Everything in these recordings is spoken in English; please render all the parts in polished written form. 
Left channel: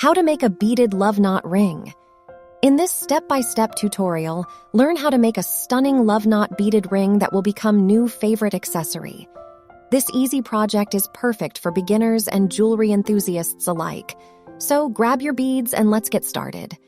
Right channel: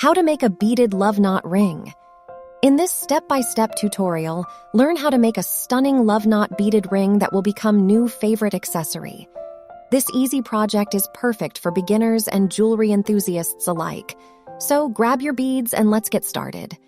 How to make a beaded love knot ring. In this step-by-step tutorial, learn how to make a stunning love knot beaded ring that will become new favorite accessory. This easy project is perfect for beginners and jewelry enthusiasts alike. So grab your beads and let's get started.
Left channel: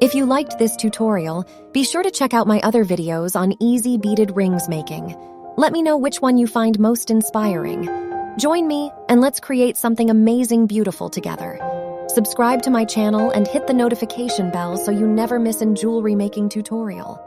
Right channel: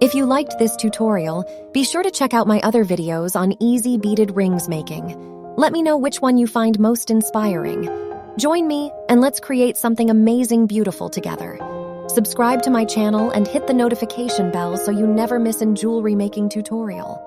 If you liked this tutorial, be sure to check out my other videos on easy beaded rings making. Let me know which one you find most inspiring. Join me and let's create something amazing beautiful together. Subscribe to my channel and hit the notification bell so you never miss a jewelry making tutorial.